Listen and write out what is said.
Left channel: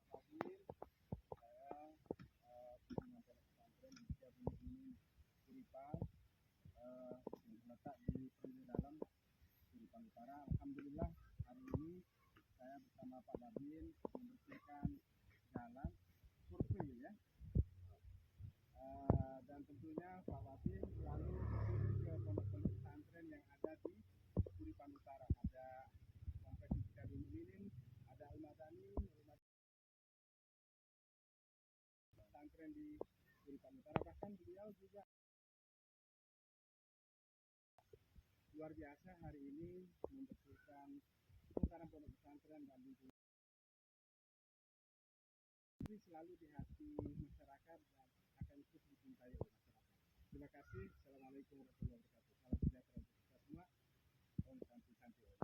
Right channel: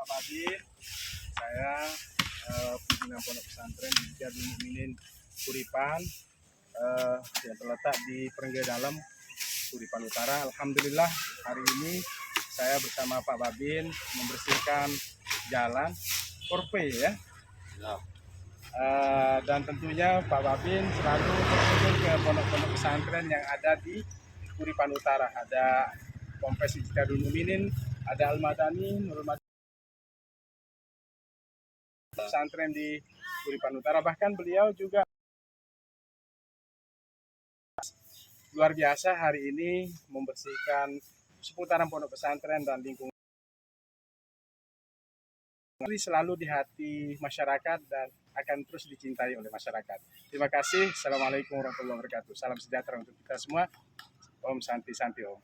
Pak Babin. Saya pimpinan Pondok Pesantren Hijabul Mukminin Kuripan yang terletak di Perengge Dalam, Kuripan Utara. Alhamdulillah hari ini saya bersama Pak Babin membersihkan jalan Korpe ya. Dan tentunya Pak Babin selalu berkunjung ke pondok-pondok pesantren yang ada di Kuripan Utara. Ada Ponpes Hijabul Mukminin, ada Al-Madani, Nurul Madani, pesantren di Kuripan Utara. Bahkan beliau juga luar biasa hari ini membersihkan seputaran pondok pesantren dan lingkungan. Selalu di hati masyarakat dan akan terus dicintai oleh masyarakat. Terima kasih. Assalamualaikum warahmatullahi wabarakatuh. Salam sejahtera untuk kita semua. Om Santi Santi Om.